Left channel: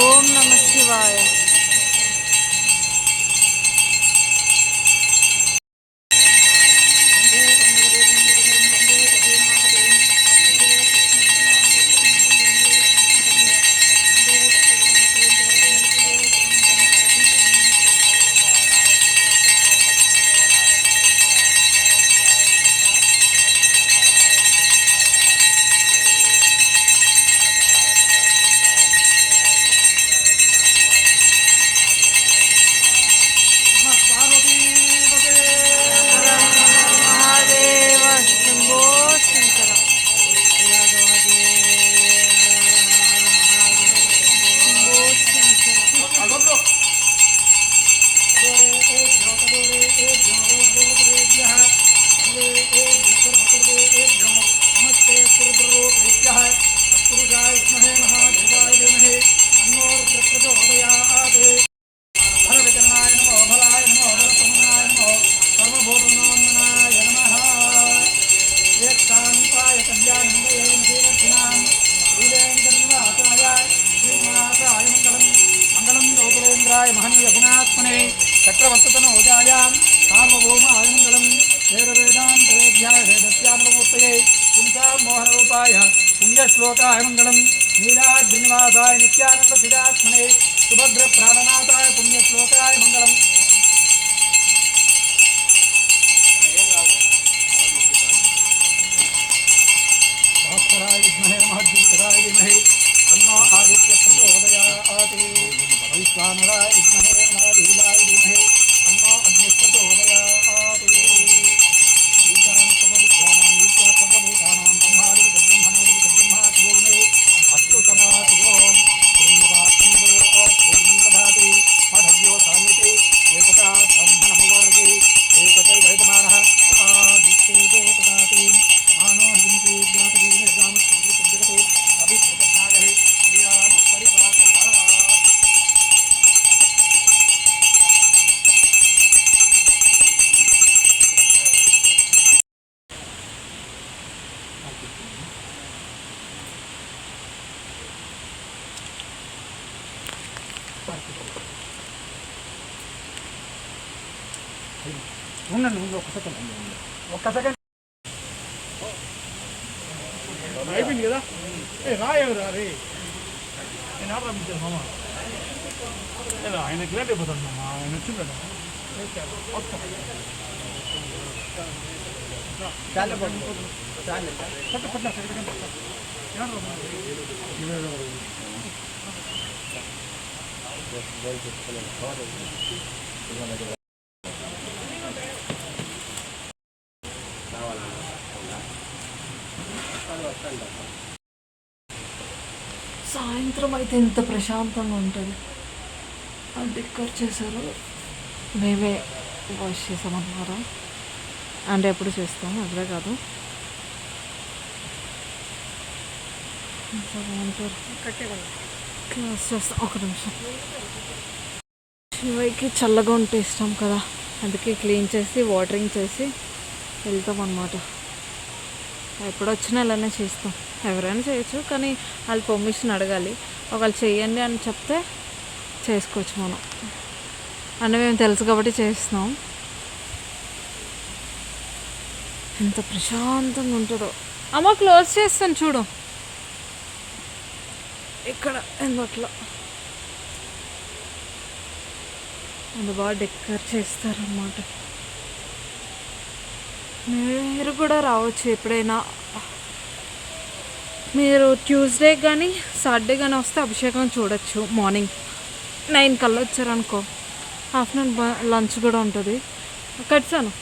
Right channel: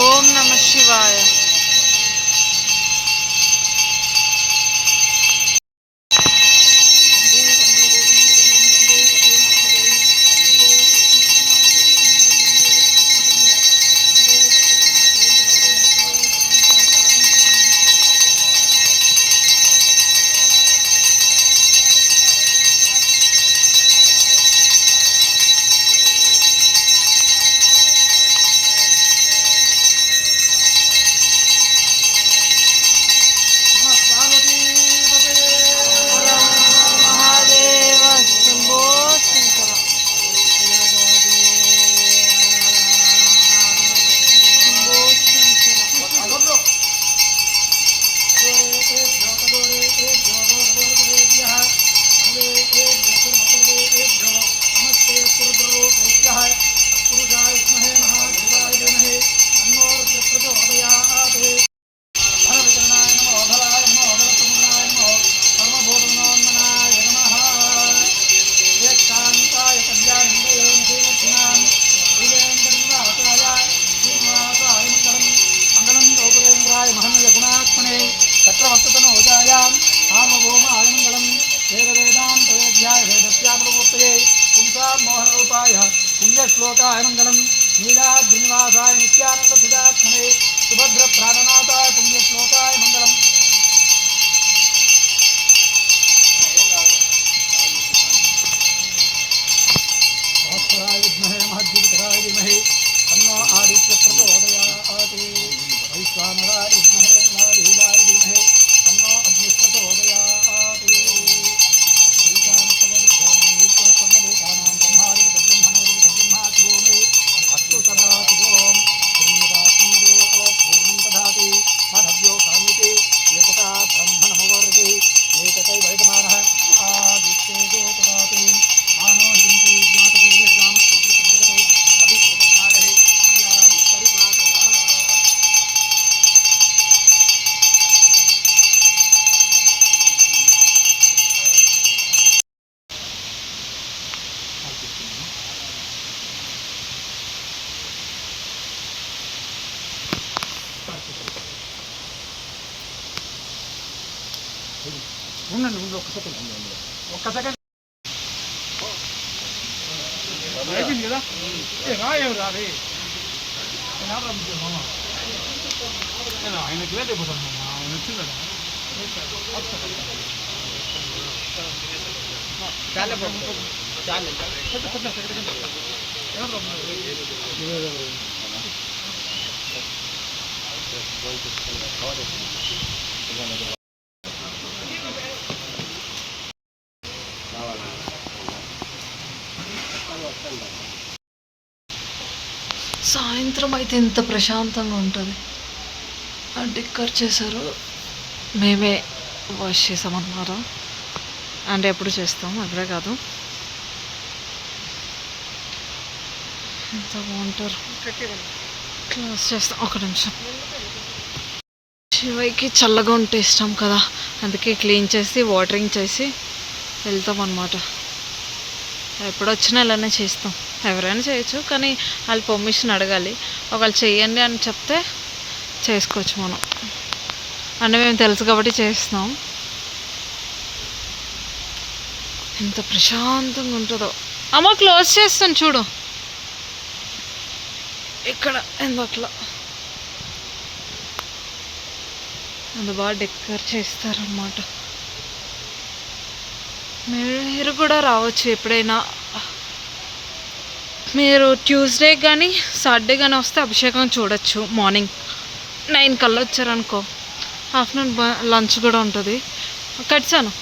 ఓం నమః శివాయ. महनीयगुणात्मने चक्रवर्ततनोजायां सार्वभौमाय मङ्गलं वेदवेदान्तवेद्याय वेदस्यामृतमूर्तये पुंसां मोहनरूपाय पुण्यश्लोकाय मङ्गलं नीलाद्रिनिवासाय नित्यानन्दसिद्धात्मने सुभद्रप्राणनाथाय पुण्यश्लोकाय मङ्गलम् भास्कराय विद्महे महद्दीकराय धीमहि तन्नो आदित्य प्रचोदयात् वैश्वानराय विद्महे महावीराय धीमहि तन्नो अग्नि प्रचोदयात् श्रीरामसर्वविद्यानां सर्वभूतानां ब्रह्मादिब्रह्मणे अस्तु सदा शुभों श्रीनिवासं पूर्णं ददाति माधव्यो सान्निधि एकता ब्रह्मणमवर्गे एकतैव वैदमानः आदित्येको ददाति मानो हिंदी ज्ञातवेदे ज्ञानसुन्दरते अभिप्रपन्नाय प्रियामुत्तरिपातः ఉండండి ఒక్క సెకండ్ అయిపోయింది కదా రాయవు రావి ఆయన లేట్ అయిపోతాను ఆయన వచ్చిందా సాయంత్రం అయితే ఎంత ప్రశాంతంగా ఉంటుంది. డెక్కర్ చేశారు, మేమే వాష్ చేసామన్నమాట. అంటే ఎప్పుడు చేస్తాం, అక్కడే కాదు. ఎంత బాగుంటారు. క్లాస్ చేస్తాం. ఒక నిమిషం. శివయ్యకి చల్లగా ఉంటే ఇష్టం కదా, అందుకే క్లీన్ చేసి వాటరింగ్ చేసి వెళ్తాం అన్నమాట. ఎప్పుడు వచ్చినా ఇలానే చేస్తాం. ఎవరైనా చేయొచ్చు, కానీ వాళ్ళు పర్మిషన్ అడగాలి. ఒకవేళ చెయ్యండి అని చెప్తే చేసుకోవచ్చు మనం. అంటే మేము తెలుసు కాబట్టి చేస్తున్నాం. ఎంత ప్రశాంతంగా ఉంటుందో. అమ్మ క్లోజ్ చేస్తాను చూడు, ఇక్కడ ఎందుకట్లా అంత బాగా డెకర్ చేస్తారన్నమాట. మీరు కూడా రావచ్చు ఎప్పుడైనా. మీరు ట్యూస్డే కానీ సాటర్డే కానీ వస్తే అభిషేకం చూడొచ్చు. మార్నింగ్ 9 కల్లా వచ్చారనుకో, ఆఫ్టర్నూన్ లంచ్ కూడా ఉంటుంది. కట్సాను.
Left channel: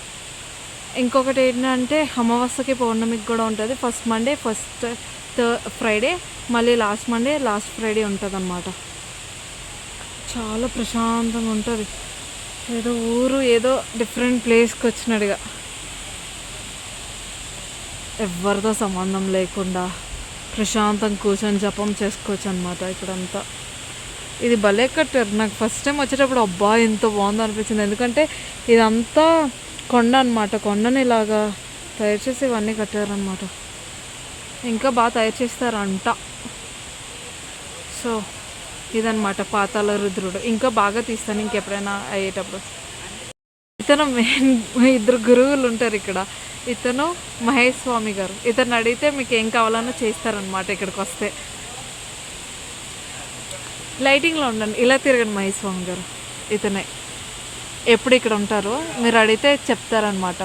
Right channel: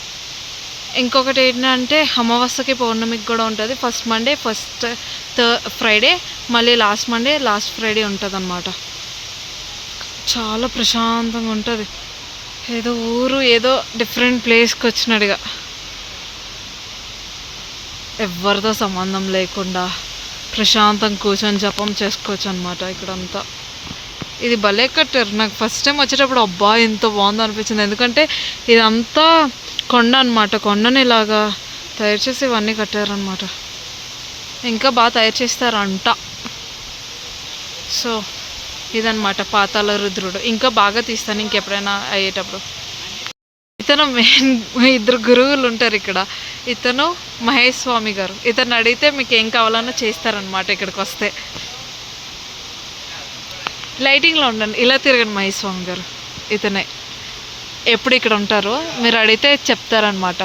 ఇంకొకటి ఏంటంటే అమావాస్యకి పౌర్ణమికి కూడా ఉంటుంది. ఫస్ట్ మండే, ఫస్ట్ ఫ్రైడే, మళ్ళీ లాస్ట్ మండే, లాస్ట్ ఫ్రైడే ఉంటుంది అన్నమాట. చాలా ప్రశాంతంగా ఉంటుంది. ఏదో ఊరు, ఏదో డిఫరెంట్ ప్లేస్కి వచ్చినట్టుగా, ఎవరితో సంబంధం లేకుండా ప్రశాంతంగా కూర్చొని జపం చేసుకోవచ్చు అన్నమాట ఇక్కడంతా. ఇది భలే కట్టారు. నాకు ఫస్ట్ టైం వచ్చేటప్పుడు అబ్బా ఎంత బాగుందో అనిపించింది. ఎందుకంటే ఇదంతా కొండ అనమాట. కొండని ఇలాగా తయారు చేసి ఇవన్నీ కట్టారనమాట. ఇంకా బాగా తయారు చేస్తారంట. సో ఇదనమాట పాతాళ రుద్రుడు. ఇంకా బాగా తీస్తాను ఇంకెప్పుడైనా అయ్యేటప్పుడు. ఇతను మెయిన్ ఇద్దరు గురువులు ఉంటారు ఇక్కడ. ఇతను మహేష్ స్వామి గారు. ఇతను అడిగితే మీకు ఏం కావాలన్నా చేస్తారనమాట. ఇక్కడికి వస్తే లైటింగ్లో ఉండండి, ఇలా తిరగండి. మహేష్ స్వామి గారు ఇతనే ఎప్పుడు ఇక్కడ ఉంటారు. మీరు అడిగితే చెప్తారనమాట.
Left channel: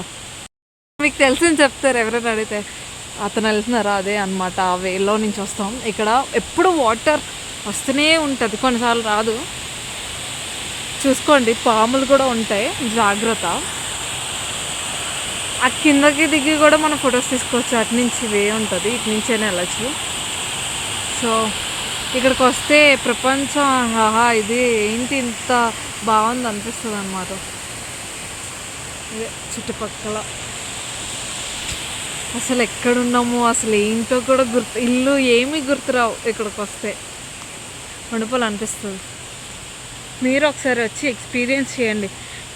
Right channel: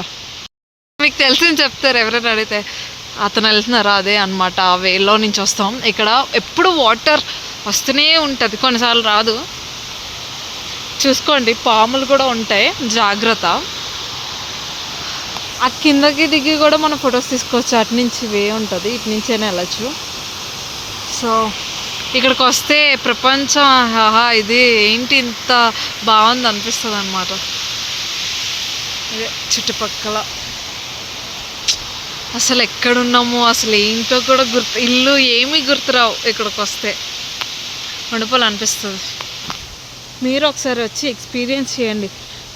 మీకు తెలిసింది చెప్తారు ఎవరైనా అడిగితే. అతను వెళ్తున్నారా అదే అనమాట. ఆ వేలో నుంచి వస్తాం. ఇక్కడ ఎప్పుడు వాటర్ వస్తూనే ఉంటుంది, కొన్నిసార్లు రాదు. చూసుకోండి, పాములు కూడా ఉంటాయి, జాగ్రత్త. ఆ కిందకి దిగి కూడా మనం ఫొటోస్ తీసుకోవచ్చు. అటు నుంచి వే ఉంటుంది, ఇటు నుంచైనా వెళ్ళచ్చు. సో ఇక్కడికి వస్తే ప్రపంచం ఇది ఏంటి ఇంత బాగుంది అనిపిస్తుంది అనమాట. ఇదే చుట్టుపక్కల అసలు ఎక్కడున్నాము, అసలు ఏంటో కూడా ఇల్లు ఏమీ గుర్తురావు. ఇక్కడికి వస్తే అనిపిస్తుంది. మీరు ఒకసారి వచ్చి ఎక్స్పీరియన్స్ చేయండి.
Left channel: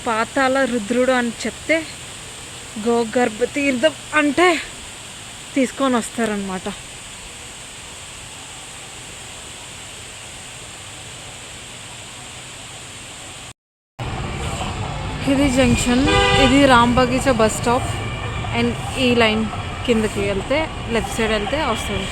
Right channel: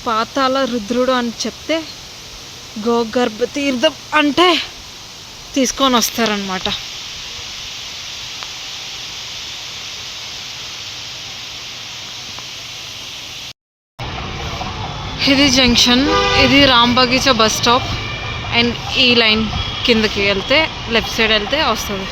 పాతాళ రుద్రుడు అని చెప్తే గోగర్భ తీర్థం అంటే తీసుకొని వస్తారనమాట. ఇది జంక్షన్, ఇది Ram Bagicha bus stop. And ఈ లైన్ కిందకి వెళ్తే లెఫ్ట్ సైడ్ వెళ్తే వస్తుంది.